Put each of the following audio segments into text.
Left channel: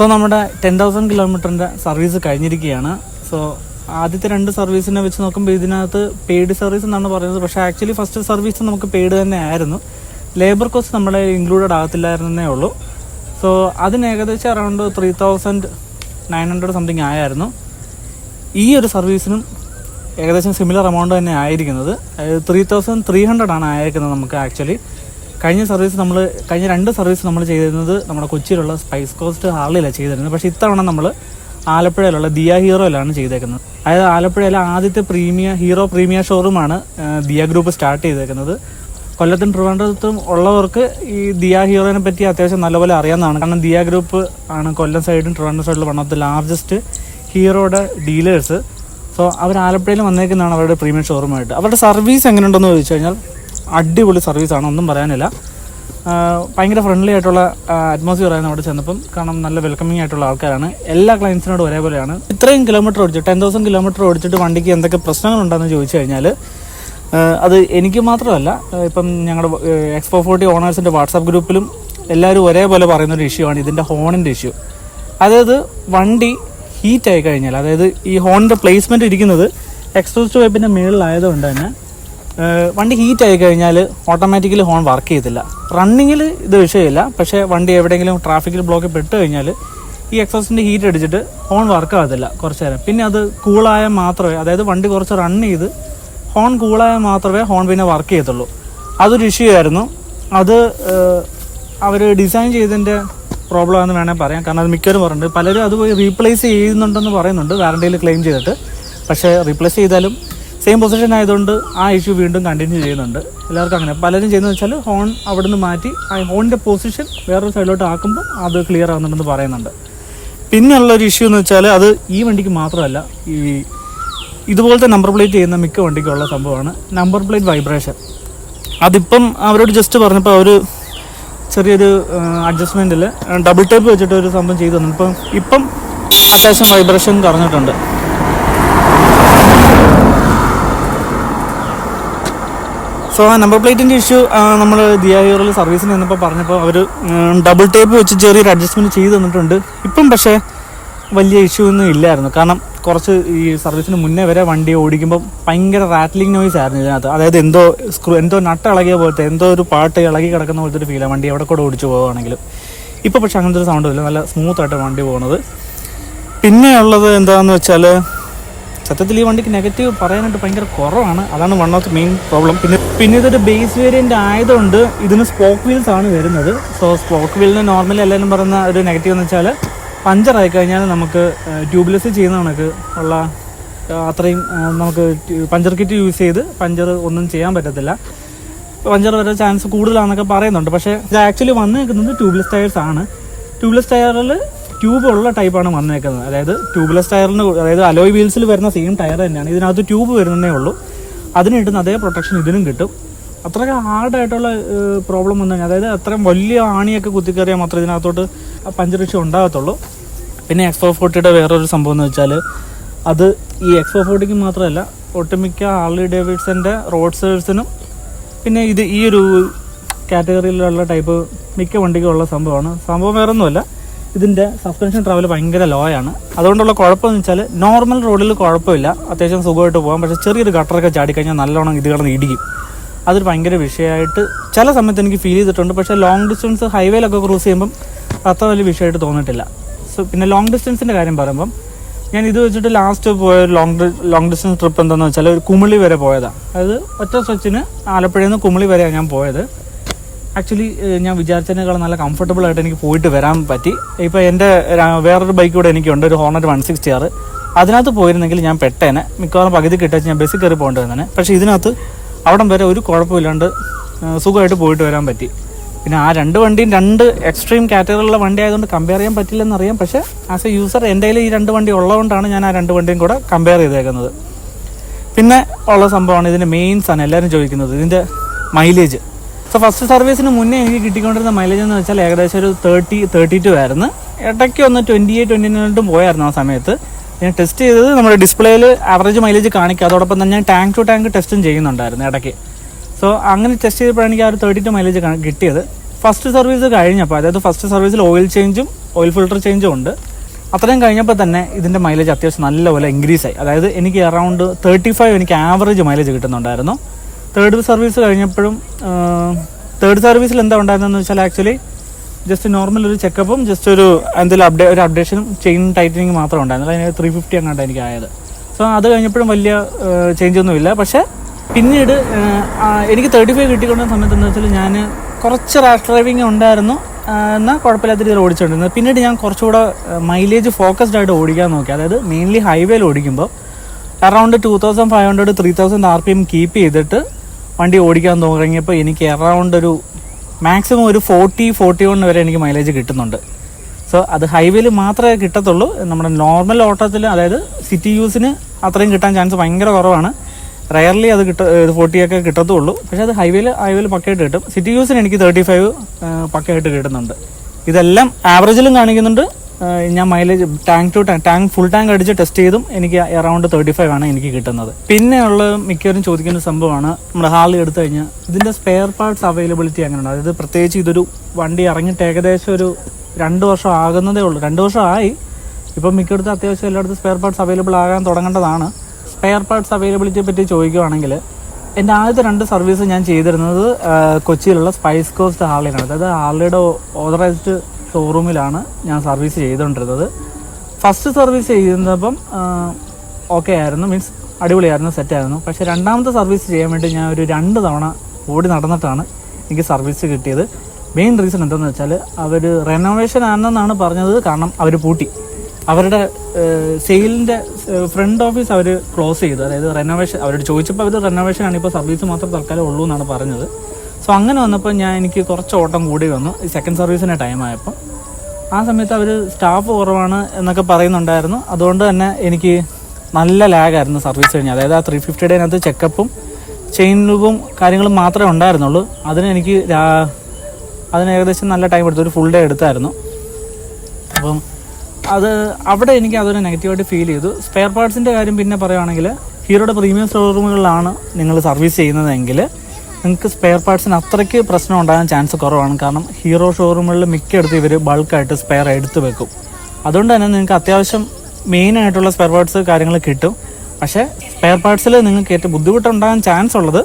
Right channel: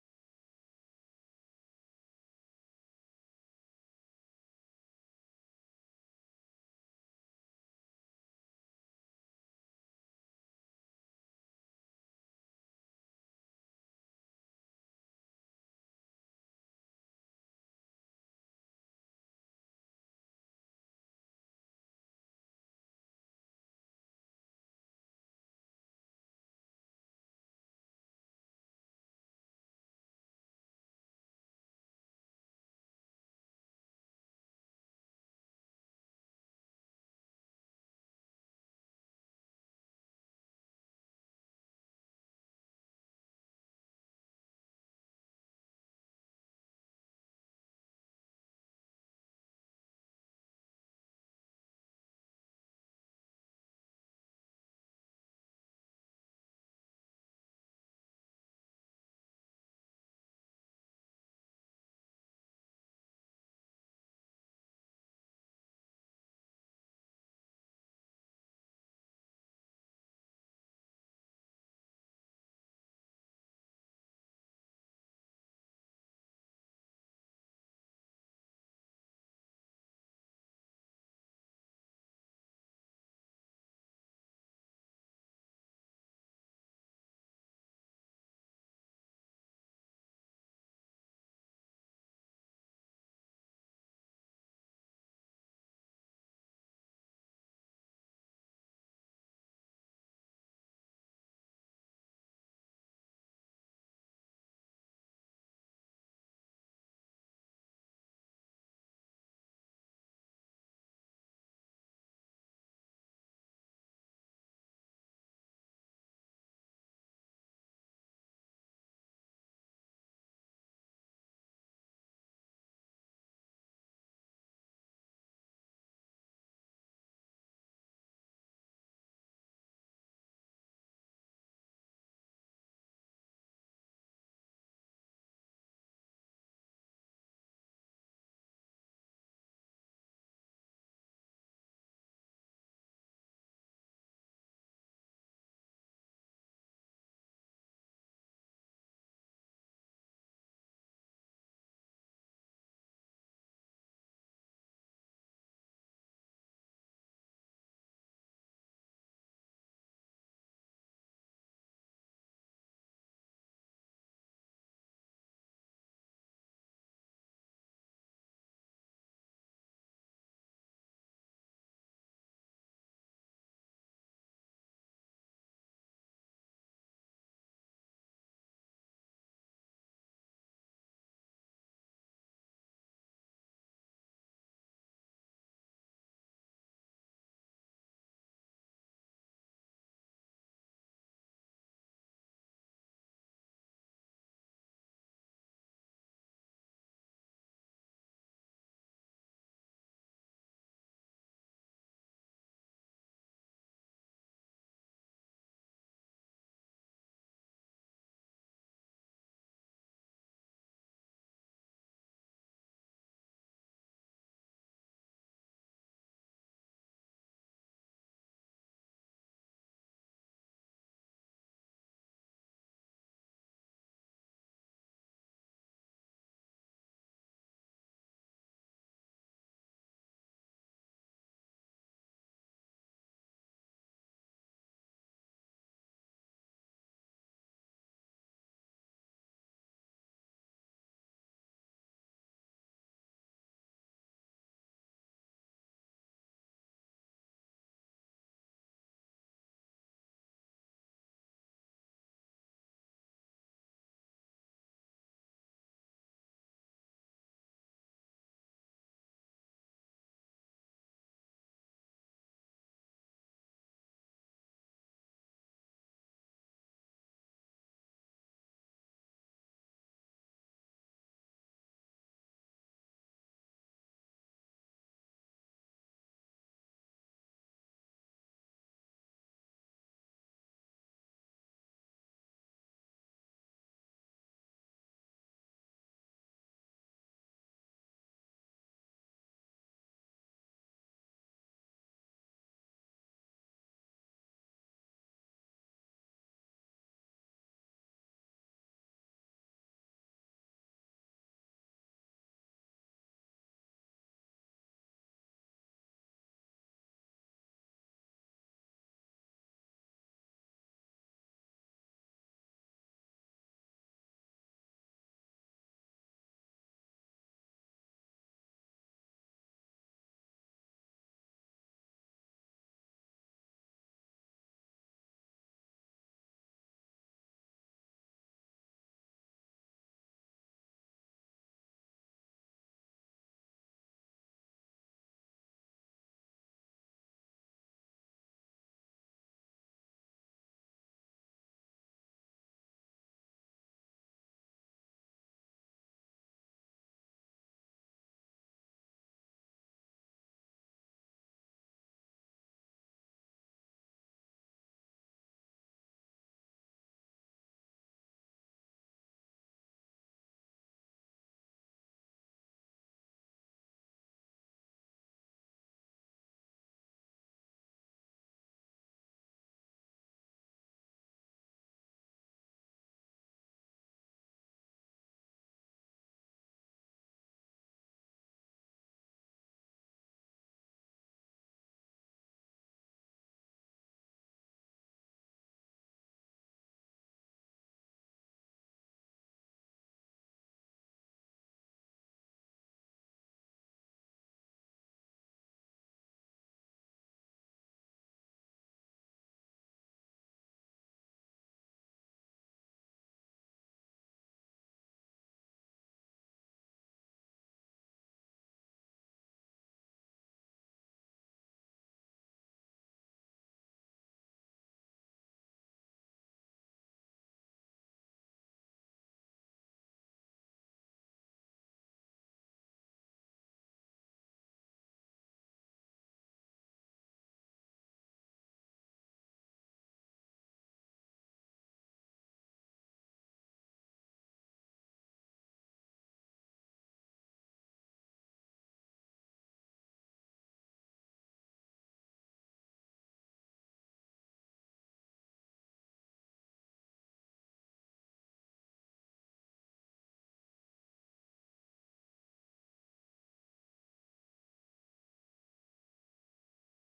So നമ്മുടെ 10,000 കിലോമീറ്ററിൻ്റെ service കഴിഞ്ഞിരിക്കുകയാണ്. So ആദ്യത്തെ 2 സർവീസിനെ വെച്ച് നോക്കുമ്പോൾ ഇതിനകത്ത് പെയ്ഡ് സർവീസ് എന്നാണ് പറയുന്നത്. പക്ഷേ ആക്ച്വലി ഫസ്റ്റ് സർവീസ് നമുക്ക് പെയ്ഡ് തന്നെ ആയിരുന്നു. ലേബർ കോസ്റ്റ് നമ്മളെ ഇൻക്ലൂഡഡ് ആകത്തില്ലായിരുന്നേ ഉള്ളൂ. സോ അതിന് ഏകദേശം അറൗണ്ട് 3,900 സംതിങ് ആയിരുന്നു. ഈ ഒരു സർവീസിനും ഏകദേശം സിമിലർ എമൗണ്ട് തന്നെ ആയിരിക്കുന്നത്. 3,300 ആണ് അയക്കുന്നത് നമുക്ക്. ആക്ച്വലി കഴിഞ്ഞ 2 സർവീസ് നമ്മൾ ചെയ്തിരുന്നത് നമ്മുടെ കൊച്ചിയിലുള്ള സ്പൈസ് കോസ്റ്റ് ഹാളിലാണ് ചെയ്തിരുന്നത്. പക്ഷേ ഇത്തവണ നമ്മൾ ആലപ്പുഴയിലുള്ള ദിയ ഹീറോയിലാണ് ചെയ്തേക്കുന്നത്. അതായത് ആലപ്പുഴയിലെ ആദ്യത്തെ ഹീറോ പ്രീമിയർ ഷോറൂമാണ് ദിയ ഗ്രൂപ്പ് സ്റ്റാർട്ട് ചെയ്തേക്കുന്നത്. കൊല്ലത്തും ട്രിവാൻഡ്രത്തും ഉള്ളവർക്ക് ഈ ദിയ ഹീറോയിനെ പറ്റി അത്യാവശ്യം നല്ലപോലെ അറിയാവുന്നതാണ്. കാരണം ദിയ ഗ്രൂപ്പ് ആണ് കൊല്ലം സൈഡും ട്രിവാൻഡ്രം സൈഡിലും വൺ ഓഫ് ദ ലാർജസ്റ്റ് ഹീറോയുടെ ഡീലേഴ്സ്. സോ അവർ ആലപ്പുഴയിൽ വന്നേക്കുന്നതാണ് അവരുടെ പ്രീമിയം ഷോറൂമായിട്ട്. അവരുടെ സർവീസ് എങ്ങനെയുണ്ടെന്ന് ചോദിച്ചു കഴിഞ്ഞാൽ അടിപൊളി സർവീസാണ്, ഒന്നും പറയാനില്ല. ഭയങ്കര ഫ്രണ്ട്ലി ആയിട്ടുള്ള അറ്റ്മോസ്ഫിയർ ആയിരുന്നു അവിടെ ചെന്നപ്പം. കാരണം നല്ല വെൽക്കമിങ് ആയിട്ടുള്ള ആൾക്കാരാണ്. എല്ലാ ക്ലയൻസിനോടും ഒരേപോലെയാണ്. ഇത്രയും കിലോമീറ്റർ ഓടിച്ചു 10,000 കിലോമീറ്റർ ഓടിച്ചിട്ട് വണ്ടിക്ക് എന്തൊക്കെ പ്രശ്നങ്ങളുണ്ടെന്ന് ചോദിച്ചു കഴിഞ്ഞാൽ അത് എനിക്ക് മാത്രമല്ല, ഇപ്പം ഞങ്ങളുടെ എക്സ്പോ 40 ഓണേഴ്സിൻ്റെ വാട്സാപ്പ് ഗ്രൂപ്പിലും എല്ലാവരും ഒരേപോലെ പറയുന്നൊരു ഇഷ്യൂ ആണ് ഇതിൻ്റെ ഹോണിൻ്റെ ഇഷ്യൂ. അതായത് വണ്ടി ഹീറ്റായി കഴിഞ്ഞാൽ, അതായത് ഈ ഹോണിൻ്റെ പ്ലേസ്മെൻറ്റ് ഇരിക്കുന്നത് എക്സോസ്റ്റ് പൈപ്പിൻ്റെ മുകളിലായതുകൊണ്ട് തന്നെ വണ്ടി ഹീറ്റായി കഴിഞ്ഞാൽ ഓട്ടോമാറ്റിക്കലി ഹോൺ വർക്ക് ചെയ്യത്തില്ല. റണ്ണിങ്ങിൽ ഇത് വിഷയമില്ല, പക്ഷേ വണ്ടി എവിടെയെങ്കിലും ട്രാഫിക്കിൽ ബ്ലോക്കിൽ പെട്ട് കഴിഞ്ഞാൽ ഈ എക്സോസ്റ്റിൻ്റെ ഹീറ്റ് അടിച്ചിട്ട് ഹോൺ വർക്ക് ആകത്തില്ല കുറച്ച് നേരം. പിന്നെ അത് കൂളായാൽ മാത്രമേ, അതായത് വണ്ടി കുറച്ച് റൺ ചെയ്ത് ഹോൺ കൂളായാൽ മാത്രമേ ഹോൺ പിന്നെ വർക്ക് ചെയ്യത്തുള്ളൂ. അതൊരു ഇഷ്യൂ ആയിരുന്നു. അത് അവർ ഡിസൈൻ ചെയ്തതിൻ്റെ പ്രോബ്ലം ആണെന്ന് വേണമെങ്കിൽ പറയാം. കാരണം അത് മിക്കവരും പറയുന്നുണ്ട്. പലരും അത് പോയി റീപ്ലേസ് ചെയ്യുന്നുണ്ടെന്ന് പറയുന്നുണ്ട് വാറണ്ടിയിൽ ക്ലെയിം ചെയ്തിട്ട്. പക്ഷേ റീപ്ലേസ് ചെയ്താലും സെയിം പൊസിഷൻ ആയതുകൊണ്ട് ആ ഇഷ്യൂ വീണ്ടും കണ്ടിന്യൂ ചെയ്യുന്നുണ്ട്. എല്ലാവർക്കും അങ്ങനെ പലരും ചെയ്യുന്നത് വെച്ചാൽ ഹോൺ അവിടെ നിന്ന് മാറ്റി ആ ഹോണിൻ്റെ പൊസിഷൻ വേറൊരു സൈഡിലോട്ട് ആക്കുമ്പോൾ അത് ക്ലിയർ ആകുന്നുണ്ടെന്ന് പറയുന്നുണ്ട്. പിന്നെയുള്ളൊരു ഇഷ്യൂ എന്ന് വെച്ചാൽ അത് ഈ വണ്ടിക്ക് മാത്രമല്ല, ഈ ഇതുപോലത്തെ നമ്പർ പ്ലേറ്റ് ചെയ്യുന്ന മിക്ക വണ്ടിക്കുള്ള സംഭവമാണ് നമ്പർ പ്ലേറ്റ് വൈബ്രേഷൻ. അതിപ്പം അവരോട് ജസ്റ്റ് പറഞ്ഞപ്പോൾ അവർ ചെറിയൊരു അഡ്ജസ്റ്റ്മെൻറ്റിൽ ഡബിൾ ടേപ്പ് വെച്ചിട്ട് ഒരു സംഭവം ചെയ്തു തന്നു. ഇപ്പം അത്യാവശ്യം വൈബ്രേഷൻ കുറഞ്ഞിട്ടുണ്ട്. സോ ആ നമ്പർ പ്ലേറ്റിൻ്റെ ഇഷ്യൂ നമ്മൾ ദിയ ഹീറോയിൽ സർവീസിന് നിന്നപ്പോൾ പറഞ്ഞപ്പോൾ അവർ ഡബിൾ ടേപ്പ് വെച്ച് ചെറിയൊരു അഡ്ജസ്റ്റ്മെൻറ്റ് ചെയ്ത് തന്നിട്ടുണ്ട്. ഇപ്പം പക്ഷേ വലിയ ഇഷ്യൂ ഒന്നും ഇല്ലായിരുന്നു. കാരണം കുറച്ച് ഈ സർവീസിന് മുന്നേ വരെ വണ്ടി ഓടിക്കുമ്പോൾ ഭയങ്കര റാറ്റ്ലിംഗ് നോയ്സ് ആയിരുന്നു ഇതിനകത്ത്. അതായത് എന്തോ നട്ട് ഇളകിയ പോലത്തെ, എന്തോ ഒരു പാട്ട് ഇളകി കിടക്കുന്ന പോലത്തെ ഒരു ഫീലാണ് വണ്ടി എവിടെ കൂടെ ഓടിച്ചു പോകുകയാണെങ്കിലും. ഇപ്പോൾ പക്ഷേ അങ്ങനത്തെ ഒരു സൗണ്ടും ഇല്ല, നല്ല സ്മൂത്തായിട്ട് വണ്ടി പോകുന്നത്. പിന്നെ ഉള്ളത് എന്താണെന്ന് വെച്ചാൽ സത്യത്തിൽ ഈ വണ്ടിക്ക് നെഗറ്റീവ് പറയാനായിട്ട് ഭയങ്കര കുറവാണ്. അതാണ് one of the main problem. പിന്നെ ഇതൊരു ബേസ് വേരിയൻ്റ് ആയതുകൊണ്ട് ഇതിന് സ്പോക്ക് വീൽസ് ആണ് വരുന്നത്. സോ സ്പോക്ക് വീലിന് നോർമലി എല്ലാവരും പറയുന്ന ഒരു നെഗറ്റീവ് എന്ന് വെച്ചാൽ പഞ്ചറായി കഴിഞ്ഞാൽ നമുക്ക് ട്യൂബ്ലെസ് ചെയ്യുന്ന കണക്ക് ഉള്ള അത്രയും നമുക്ക് പഞ്ചർ കിറ്റ് യൂസ് ചെയ്ത് പഞ്ചർ ഒന്നും ചെയ്യാൻ പറ്റത്തില്ല. പഞ്ചർ വരെ ചാൻസ് കൂടുതലാണെന്നൊക്കെ പറയുന്നുണ്ട്. പക്ഷേ ഇത് ആക്ച്വലി വന്നേക്കുന്നത് ട്യൂബ്ലെസ് ടയേഴ്സ് ആണ്. ട്യൂബ്ലെസ് ടയറിൽ ട്യൂബ് ഉള്ള ടൈപ്പാണ് വന്നേക്കുന്നത്. അതായത് ട്യൂബ്ലെസ് ടയറിന്, അതായത് അലോയ് വീൽസിൽ വരുന്ന സെയിം ടയർ തന്നെയാണ്. ഇതിനകത്ത് ട്യൂബ് വരുന്നതേ ഉള്ളൂ. അതിന് കിട്ടുന്ന അതേ പ്രൊട്ടക്ഷൻ ഇതിനും കിട്ടും. അത്രയ്ക്ക് ഹാർഡായിട്ടുള്ള പ്രോബ്ലം വന്നു കഴിഞ്ഞാൽ, അതായത് അത്രയും വലിയ ആണിയൊക്കെ കുത്തിക്കറിയാൽ മാത്രമേ ഇതിനകത്തോട്ട് പഞ്ചർ ഇഷ്യൂ ഉണ്ടാകത്തുള്ളൂ. പിന്നെ എക്സ്പോ 40യുടെ വേറൊരു സംഭവം എന്ന് വെച്ചാൽ അത് ഈ എക്സ്പോ 40ക്ക് മാത്രമല്ല, ഒട്ടുമിക്ക ഹാർലി ഡേവിഡ്സൻ്റെ റോഡ് സൈഡ്സിനും പിന്നെ ഈ ഒരു കാറ്റഗറിയിലുള്ള ടൈപ്പ് മിക്ക വണ്ടിക്കുള്ള സംഭവമാണ്. സംഭവം വേറൊന്നുമല്ല, ഇതിൻ്റെ സസ്പെൻഷൻ ട്രാവൽ ഭയങ്കര ലോ ആണ്. അതുകൊണ്ടുള്ള കുഴപ്പമെന്ന് വെച്ചാൽ നോർമൽ റോഡിൽ കുഴപ്പമില്ല, അത്യാവശ്യം സുഖമായിട്ട് പോകാം. പക്ഷേ ചെറിയൊരു ഗട്ടറൊക്കെ ചാടിക്കഴിഞ്ഞാൽ നല്ലോണം ഇത് കിടന്ന് ഇടിക്കും. അതൊരു ഭയങ്കര വിഷയമായിട്ട് ചില സമയത്ത് എനിക്ക് ഫീൽ ചെയ്തിട്ടുണ്ട്. പക്ഷേ ലോങ് ഡിസ്റ്റൻസ് ഹൈവേയിലൊക്കെ ക്രൂസ് ചെയ്യുമ്പം അത്ര വലിയ വിഷയമായിട്ട് തോന്നിയിട്ടില്ല. സോ പിന്നെ ലോങ് ഡിസ്റ്റൻസിൻ്റെ കാര്യം പറയുമ്പം ഞാൻ ഇത് വെച്ചിട്ട് ലാസ്റ്റ് പോയ ലോങ് ഡിസ്റ്റൻസ് ട്രിപ്പ് എന്താണെന്ന് വെച്ചാൽ ഒരു കുമിളി വരെ പോയതാണ്. അതായത് ഒറ്റ സ്ട്രെച്ചിന് ആലപ്പുഴയിൽ നിന്ന് കുമിളി വരെയാണ് ഞാൻ പോയത്. ആക്ച്വലി ഞാൻ വിചാരിച്ചതിനേക്കാളും നല്ല കംഫർട്ടബിൾ ആയിട്ട് എനിക്ക് പോയിട്ട് വരാൻ പറ്റി. ഇപ്പോൾ എൻ്റെ വേറൊരു ബൈക്ക് കൂടെ എനിക്കുണ്ട്, ഒരു ഹോണറ്റ് 160R. അതിനകത്ത് പോയിരുന്നെങ്കിൽ ഞാൻ പെട്ടേനെ, മിക്കവാറും പകുതി കിട്ടാച്ച് ഞാൻ ബസ്സിൽ കയറി പോകേണ്ടി വന്നേനെ. പക്ഷേ ഇതിനകത്ത് അവിടം വരെ ഒരു കുഴപ്പമില്ലാണ്ട് സുഖമായിട്ട് പോയിട്ട് വരാൻ പറ്റി. പിന്നെ ആ 2 വണ്ടിയും 2 എക്സ്ട്രീം കാറ്റഗറിയിലുള്ള വണ്ടി ആയതുകൊണ്ട് കമ്പയർ ചെയ്യാൻ പറ്റില്ലെന്നറിയാം. പക്ഷേ ആസ് എ യൂസർ എൻ്റെ കയ്യിൽ ഈ 2 വണ്ടി ഉള്ളതുകൊണ്ടാണ് ഞാൻ ആ 2 വണ്ടിയും കൂടെ കമ്പയർ ചെയ്തേക്കുന്നത്. പിന്നെ ഉള്ള സംഭവമാണ് ഇതിൻ്റെ മെയിൻസ് ആണ് എല്ലാവരും ചോദിക്കുന്നത്, ഇതിൻ്റെ മൈലേജ്. സോ ഫസ്റ്റ് സർവീസിന് മുന്നേ എനിക്ക് കിട്ടിക്കൊണ്ടിരുന്ന മൈലേജ് എന്ന് വെച്ചാൽ ഏകദേശം ഒരു 30-32 ആയിരുന്നു. ഇടയ്ക്ക് ഒന്ന് 28-29 പോയായിരുന്നു ആ സമയത്ത്. ഞാൻ ടെസ്റ്റ് ചെയ്തത് നമ്മുടെ ഡിസ്പ്ലേയിൽ ആവറേജ് മൈലേജ് കാണിക്കുക, അതോടൊപ്പം തന്നെ ഞാൻ ടാങ്ക് ടു ടാങ്ക് ടെസ്റ്റും ചെയ്യുന്നുണ്ടായിരുന്നു ഇടയ്ക്ക്. സോ അങ്ങനെ ടെസ്റ്റ് ചെയ്തപ്പോഴാണ് എനിക്ക് ആ ഒരു 32 മൈലേജ് കിട്ടിയത്. ഫസ്റ്റ് സർവീസ് കഴിഞ്ഞപ്പോൾ, അതായത് ഫസ്റ്റ് സർവീസിൽ ഓയിൽ ചേഞ്ചും ഓയിൽ ഫിൽട്ടർ ചേഞ്ചും ഉണ്ട്. അത്രയും കഴിഞ്ഞപ്പോൾ തന്നെ ഇതിൻ്റെ മൈലേജ് അത്യാവശ്യം നല്ലപോലെ ഇൻക്രീസ് ആയി. അതായത് എനിക്ക് അറൗണ്ട് 35 എനിക്ക് ആവറേജ് മൈലേജ് കിട്ടുന്നുണ്ടായിരുന്നു. തേർഡ് സർവീസ് കഴിഞ്ഞപ്പോഴും തേർഡ് സർവീസിൽ എന്താ ഉണ്ടായിരുന്നതെന്ന് വെച്ചാൽ ആക്ച്വലി ജസ്റ്റ് നോർമൽ ഒരു ചെക്കപ്പും ജസ്റ്റ് ഒരു എന്തെങ്കിലും ഒരു അപ്ഡേഷനും ചെയിൻ ടൈറ്റനിങ് മാത്രമേ ഉണ്ടായിരുന്നുള്ളൂ. അതിന് 350 അങ്ങോട്ട് എനിക്ക് ആയത്. സോ അത് കഴിഞ്ഞപ്പോഴും വലിയ ചേഞ്ചൊന്നുമില്ല. പക്ഷേ പിന്നീട് എനിക്ക് 35 കിട്ടിക്കൊണ്ടിരുന്ന സമയത്ത് എന്താ വെച്ചാൽ ഞാൻ കുറച്ച് റാഷ് ഡ്രൈവിങ് ഉണ്ടായിരുന്നു, എന്നാൽ കുഴപ്പമില്ലാത്ത രീതിയിൽ ഓടിച്ചുകൊണ്ടിരുന്നത്. പിന്നീട് ഞാൻ കുറച്ചുകൂടെ മൈലേജ് ഫോക്കസ്ഡ് ആയിട്ട് ഓടിക്കാൻ നോക്കി. അതായത് മെയിൻലി ഹൈവേയിൽ ഓടിക്കുമ്പോൾ അറൗണ്ട് 2500 3000 RPM കീപ്പ് ചെയ്തിട്ട് വണ്ടി ഓടിക്കാൻ തുടങ്ങിയപ്പോൾ എനിക്ക് അറൗണ്ട് ഒരു മാക്സിമം ഒരു 40-41 വരെ എനിക്ക് മൈലേജ് കിട്ടുന്നുണ്ട്. സോ അത് ഹൈവേയിൽ മാത്രമേ കിട്ടത്തുള്ളൂ. നമ്മുടെ നോർമൽ ഓട്ടത്തിൽ, അതായത് സിറ്റി യൂസിന് അത്രയും കിട്ടാൻ ചാൻസ് ഭയങ്കര കുറവാണ്. റയർലി അത് 40 ഒക്കെ കിട്ടത്തുള്ളൂ. പക്ഷേ അത് ഹൈവേയിൽ പക്കയായിട്ട് കിട്ടും. സിറ്റി യൂസിന് എനിക്ക് 35 പക്കയായിട്ട് കിട്ടുന്നുണ്ട്. ഇതെല്ലാം ആവറേജിലും കാണിക്കുന്നുണ്ട്. ഞാൻ മൈലേജ് ടാങ്ക് ഫുൾ ടാങ്ക് അടിച്ച് ടെസ്റ്റ് ചെയ്തും എനിക്ക് അറൗണ്ട് 35 ആണ് എനിക്ക് കിട്ടുന്നത്. പിന്നെയുള്ള മിക്കവരും ചോദിക്കുന്ന സംഭവമാണ്, നമ്മുടെ ഹാർലി എടുത്തു കഴിഞ്ഞാൽ ഇതിൻ്റെ സ്പെയർ പാർട്സ് അവൈലബിലിറ്റി എങ്ങനെയുണ്ട്. അതായത് പ്രത്യേകിച്ച് ഇതൊരു വണ്ടി ഇറങ്ങിയിട്ട് ഏകദേശം ഒരു 2 വർഷം ആകുന്നതേ ഉള്ളൂ. 2 വർഷം ആയി. ഇപ്പം മിക്കയിടത്തും അത്യാവശ്യം എല്ലായിടത്തും സ്പെയർ പാർട്സ് അവൈലബിൾ ആകാൻ തുടങ്ങേണ്ടതാണ്. സ്പെയർ പാർട്സ് അവൈലബിലിറ്റിയെ പറ്റി ചോദിക്കുകയാണെങ്കിൽ, എൻ്റെ ആദ്യത്തെ 2 സർവീസ് ഞാൻ ചെയ്തിരുന്നത് കൊച്ചിയിലുള്ള സ്പൈസ് കോസ്റ്റ് ഹാർലിയാണ്. അതായത് ഹാർലിയുടെ ഓതറൈസ്ഡ് ഷോറൂമിലാണ് ഞാൻ സർവീസ് ചെയ്തുകൊണ്ടിരുന്നത്. ഫസ്റ്റ് സർവീസ് ചെയ്യുന്നപ്പം ഓക്കെ ആയിരുന്നു, മീൻസ് അടിപൊളിയായിരുന്നു, സെറ്റായിരുന്നു. പക്ഷേ രണ്ടാമത്തെ സർവീസ് ചെയ്യാൻ വേണ്ടി ഞാൻ ഒരു 2 തവണ ഓടി നടന്നിട്ടാണ് എനിക്ക് സർവീസ് കിട്ടിയത്. മെയിൻ റീസൺ എന്താണെന്ന് വെച്ചാൽ അവർ റെനോവേഷൻ ആണെന്നാണ് പറഞ്ഞത്. കാരണം അവർ പൂട്ടി, അവരുടെ സെയിലിൻ്റെ ഫ്രണ്ട് ഓഫീസ് അവർ ക്ലോസ് ചെയ്തു. അതായത് റെനോവേഷൻ അവരോട് ചോദിച്ചപ്പോൾ അവർ റെനോവേഷൻ ആണ്, ഇപ്പോൾ സർവീസ് മാത്രം തൽക്കാലം ഉള്ളൂ എന്നാണ് പറഞ്ഞത്. സോ അങ്ങനെ വന്നപ്പോൾ എനിക്ക് കുറച്ച് ഓട്ടം കൂടി വന്നു ഈ സെക്കൻഡ് സർവീസിൻ്റെ ടൈം ആയപ്പോൾ. ആ സമയത്ത് അവർ സ്റ്റാഫ് കുറവാണ് എന്നൊക്കെ പറയുന്നുണ്ടായിരുന്നു. അതുകൊണ്ട് തന്നെ എനിക്ക് നല്ല ലാഗായിരുന്നു സർവീസ് കഴിഞ്ഞാൽ. അതായത് ആ 350 ചെക്കപ്പും ചെയിൻ ലൂബും കാര്യങ്ങളും മാത്രമേ ഉണ്ടായിരുന്നുള്ളൂ. അതിന് ഏകദേശം നല്ല ടൈം എടുത്തു, ഒരു ഫുൾ ഡേ എടുത്തായിരുന്നു. അപ്പം അവിടെ എനിക്ക് അതൊരു നെഗറ്റീവായിട്ട് ഫീൽ ചെയ്തു. സ്പെയർ പാർട്സിൻ്റെ കാര്യം പിന്നെ പറയുകയാണെങ്കിൽ, ഹീറോയുടെ പ്രീമിയം ഷോറൂമുകളിലാണ് നിങ്ങൾ സർവീസ് ചെയ്യുന്നതെങ്കിൽ നിങ്ങൾക്ക് സ്പെയർ പാർട്സിന് അത്രയ്ക്ക് പ്രശ്നം ഉണ്ടാകാൻ ചാൻസ് കുറവാണ്. കാരണം ഹീറോ ഷോറൂമുകളിൽ മിക്കയിടത്തും ഇവർ ബൾക്കായിട്ട് സ്പെയർ എടുത്ത് വെക്കും. അതുകൊണ്ട് തന്നെ നിങ്ങൾക്ക് അത്യാവശ്യം മെയിനായിട്ടുള്ള സ്പെയർ പാർട്സ് കാര്യങ്ങൾ കിട്ടും. പക്ഷേ സ്പെയർ പാർട്സിൽ നിങ്ങൾക്ക് ഏറ്റവും ബുദ്ധിമുട്ടുണ്ടാകാൻ ചാൻസ് ഉള്ളത്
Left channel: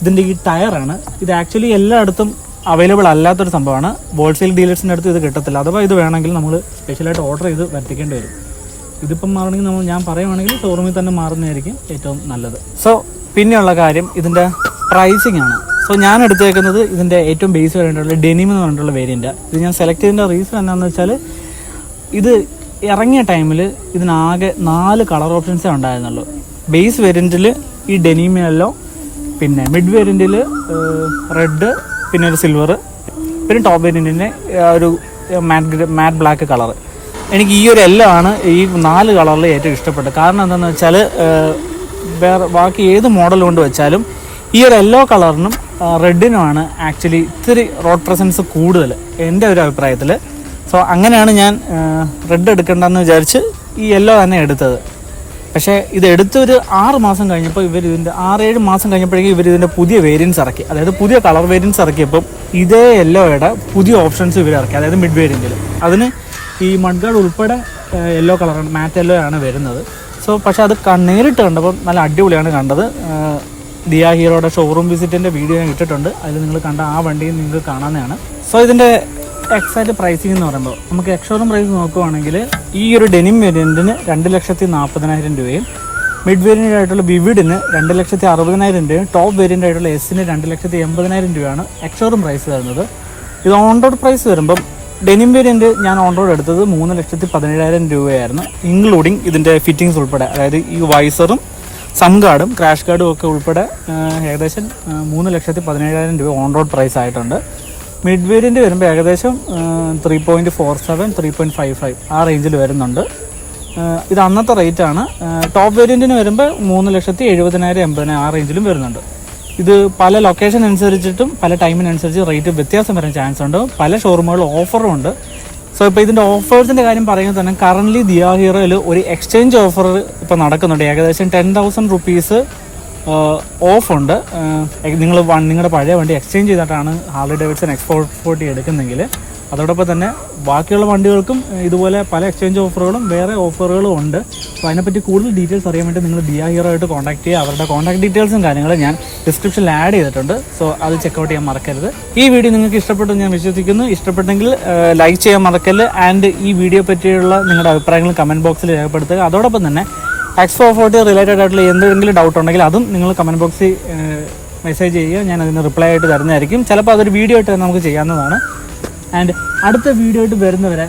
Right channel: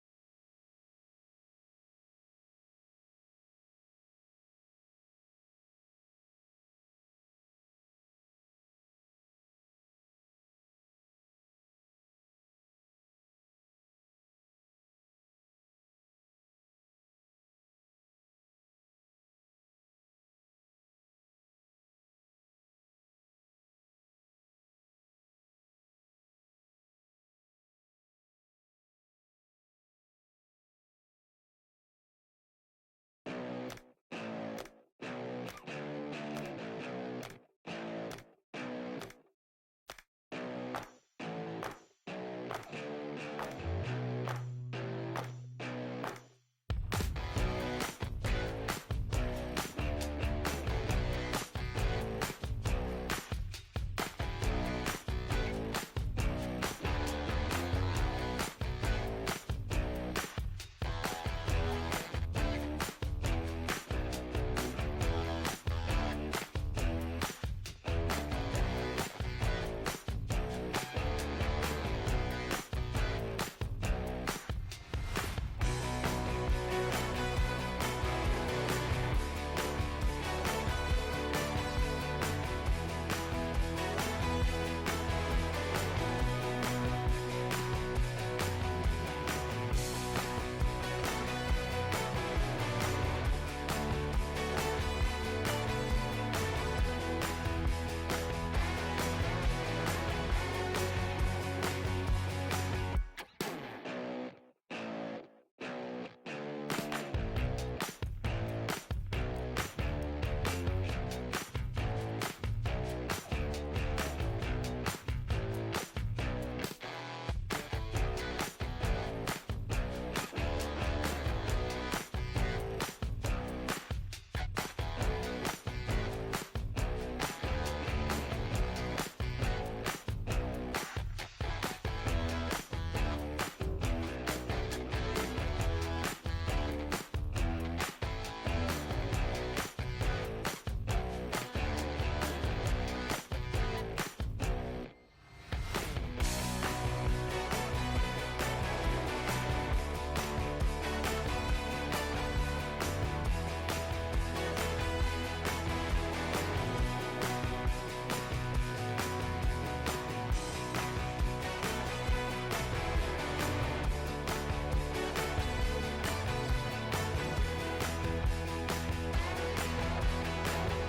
ഇതിൻ്റെ ഈ ടയറാണ്. ഇത് ആക്ച്വലി എല്ലായിടത്തും അവൈലബിൾ അല്ലാത്തൊരു സംഭവമാണ്. ഹോൾസെയിൽ ഡീലേഴ്സിൻ്റെ അടുത്ത് ഇത് കിട്ടത്തില്ല. അഥവാ ഇത് വേണമെങ്കിൽ നമ്മൾ സ്പെഷ്യലായിട്ട് ഓർഡർ ചെയ്ത് വരുത്തിക്കേണ്ടി വരും. ഇതിപ്പം മാറണമെങ്കിൽ ഞാൻ പറയുവാണെങ്കിൽ ഷോറൂമിൽ തന്നെ മാറുന്നതായിരിക്കും ഏറ്റവും നല്ലത്. സോ പിന്നെയുള്ള കാര്യം ഇതിൻ്റെ പ്രൈസിങ് ആണ്. സോ ഞാൻ എടുത്തേക്കുന്നത് ഇതിൻ്റെ ഏറ്റവും ബേസ് വേണ്ടിയിട്ടുള്ള ഡെനിം എന്ന് പറഞ്ഞിട്ടുള്ള വേരിയൻ്റ്. ഇത് ഞാൻ സെലക്ട് ചെയ്തതിൻ്റെ റീസൺ എന്താണെന്ന് വെച്ചാൽ, ഇത് ഇറങ്ങിയ ടൈമിൽ ഇതിനാകെ 4 കളർ ഓപ്ഷൻസേ ഉണ്ടായിരുന്നുള്ളൂ. ബേസ് വേരിയൻറ്റിൽ ഈ ഡെനിം യെല്ലോ, പിന്നെ മിഡ് വേരിയൻറ്റിൽ റെഡ്, പിന്നെ ഒരു സിൽവർ, പിന്നെ ടോപ്പ് വേരിയൻറ്റിൻ്റെ ഒരു മാറ്റ് ബ്ലാക്ക് കളർ. എനിക്ക് ഈ ഒരു യെല്ലോ ആണ് ഈ 4 കളറിൽ ഏറ്റവും ഇഷ്ടപ്പെട്ടത്. കാരണം എന്താണെന്ന് വെച്ചാൽ, വേറെ ബാക്കി ഏത് മോഡൽ കൊണ്ട് വെച്ചാലും ഈ ഒരു യെല്ലോ കളറിനും റെഡിനുമാണ് ആക്ച്വലി ഇത്തിരി റോഡ് പ്രസൻസ് കൂടുതൽ എൻ്റെ ഒരു അഭിപ്രായത്തിൽ. സോ അങ്ങനെയാണ് ഞാൻ റെഡ് എടുക്കേണ്ടതെന്ന് വിചാരിച്ച് ഈ യെല്ലോ തന്നെ എടുത്തത്. പക്ഷേ ഇത് എടുത്തൊരു 6 മാസം കഴിഞ്ഞപ്പോൾ 6-7 മാസം കഴിഞ്ഞപ്പോഴേക്കും ഇതിൻ്റെ പുതിയ വേരിയൻസ് ഇറക്കി. അതായത് പുതിയ കളർ വേരിയൻസ് ഇറക്കിയപ്പം ഇതേ യെല്ലോയുടെ പുതിയ ഓപ്ഷൻസ് ഇവർ ഇറക്കി. അതായത് മിഡ് വേരിയൻറ്റിൽ അതിന് ഈ മഡ്ഗാർഡ് ഉൾപ്പെടെ യെല്ലോ കളറാണ്, മാറ്റ് യെല്ലോ ആണ് വരുന്നത്. സോ പക്ഷേ അത് നേരിട്ട് കണ്ടപ്പോൾ നല്ല അടിപൊളിയാണ് കണ്ടത്. ദിയ ഹീറോയുടെ ഷോറൂം വിസിറ്റിൻ്റെ വീഡിയോ ഞാൻ ഇട്ടിട്ടുണ്ട്. അതിൽ നിങ്ങൾ കണ്ട ആ വണ്ടിയും നിങ്ങൾക്ക് കാണാവുന്നതാണ്. സോ ഇതിൻ്റെ എക്സാക്റ്റ് പ്രൈസിംഗ് എന്ന് പറയുമ്പോൾ നമുക്ക് എക്സ്ഷോറൂം പ്രൈസ് നോക്കുവാണെങ്കിൽ ഈ ഒരു ഡെനിം വേരിയൻറ്റിന് 2,40,000 രൂപയും, മിഡ് വേരിയൻ്റ് ആയിട്ടുള്ള വിവിഡിന് 2,60,000 രൂപയും, ടോപ്പ് വേരിയൻ്റ് ആയിട്ടുള്ള എസിന് 2,80,000 രൂപയാണ് എക്സ്ഷോറൂം പ്രൈസ് വരുന്നത്. ഇത് ഓൺ റോഡ് പ്രൈസ് വരുമ്പം ഡെനിം വേരിയൻറ്റ് ഞാൻ ഓൺ റോഡ് എടുത്തത് 3,17,000 രൂപയായിരുന്നു, ഇൻക്ലൂഡിങ് ഇതിൻ്റെ ഫിറ്റിങ്സ് ഉൾപ്പെടെ. അതായത് ഈ വൈസറും സം ഗാർഡും ക്രാഷ് ഗാർഡും ഒക്കെ ഉൾപ്പെടെ ഏകദേശം 3,17,000 രൂപ ഓൺ റോഡ് പ്രൈസ് ആയിട്ടുണ്ട്. മിഡ് വേരിയൻറ്റ് വരുമ്പോൾ ഏകദേശം 3.47, 3.55 ആ റേഞ്ചിൽ വരുന്നുണ്ട്. ഇത് അന്നത്തെ റേറ്റാണ്. ടോപ്പ് വേരിയൻറ്റിന് വരുമ്പോൾ 3,70,000, 80,000 ആ റേഞ്ചിലും വരുന്നുണ്ട്. ഇത് പല ലൊക്കേഷൻ അനുസരിച്ചിട്ടും പല ടൈമിനനുസരിച്ച് റേറ്റ് വ്യത്യാസം വരാൻ ചാൻസ് ഉണ്ട്. പല ഷോറൂമുകളിൽ ഓഫറും ഉണ്ട്. സോ ഇപ്പോൾ ഇതിൻ്റെ ഓഫേഴ്സിൻ്റെ കാര്യം പറയുന്നത് തന്നെ, കറൻ്റ്ലി ദിയ ഹീറോയിൽ ഒരു എക്സ്ചേഞ്ച് ഓഫർ ഇപ്പോൾ നടക്കുന്നുണ്ട്. ഏകദേശം 10,000 റുപ്പീസ് ഓഫുണ്ട്. നിങ്ങൾ നിങ്ങളുടെ പഴയ വണ്ടി എക്സ്ചേഞ്ച് ചെയ്തിട്ടാണ് ഹാർലി ഡേവിഡ്സൺ X440 എടുക്കുന്നെങ്കിൽ അതോടൊപ്പം തന്നെ ബാക്കിയുള്ള വണ്ടികൾക്കും ഇതുപോലെ പല എക്സ്ചേഞ്ച് ഓഫറുകളും വേറെ ഓഫറുകളും ഉണ്ട്. അപ്പോൾ അതിനെപ്പറ്റി കൂടുതൽ ഡീറ്റെയിൽസ് അറിയാൻ വേണ്ടി നിങ്ങൾ ദിയ ഹീറോ ആയിട്ട് കോൺടാക്ട് ചെയ്യുക. അവരുടെ കോൺടാക്ട് ഡീറ്റെയിൽസും കാര്യങ്ങളും ഞാൻ ഡിസ്ക്രിപ്ഷനിൽ ആഡ് ചെയ്തിട്ടുണ്ട്. സോ അത് ചെക്കൗട്ട് ചെയ്യാൻ മറക്കരുത്. ഈ വീഡിയോ നിങ്ങൾക്ക് ഇഷ്ടപ്പെട്ടു ഞാൻ വിശ്വസിക്കുന്നു. ഇഷ്ടപ്പെട്ടെങ്കിൽ ലൈക്ക് ചെയ്യാൻ മറക്കല്ല്. ആൻഡ് ഈ വീഡിയോ പറ്റിയുള്ള നിങ്ങളുടെ അഭിപ്രായങ്ങൾ കമൻറ്റ് ബോക്സിൽ രേഖപ്പെടുത്തുക. അതോടൊപ്പം തന്നെ X440 റിലേറ്റഡ് ആയിട്ടുള്ള എന്തെങ്കിലും ഡൗട്ട് ഉണ്ടെങ്കിൽ അതും നിങ്ങൾ കമൻറ്റ് ബോക്സിൽ മെസ്സേജ് ചെയ്യുക. ഞാൻ അതിന് റിപ്ലൈ ആയിട്ട് തരുന്നതായിരിക്കും. ചിലപ്പോൾ അതൊരു വീഡിയോ ആയിട്ട് നമുക്ക് ചെയ്യാവുന്നതാണ്. ആൻഡ് അടുത്ത വീഡിയോ ആയിട്ട് വരുന്നവരെ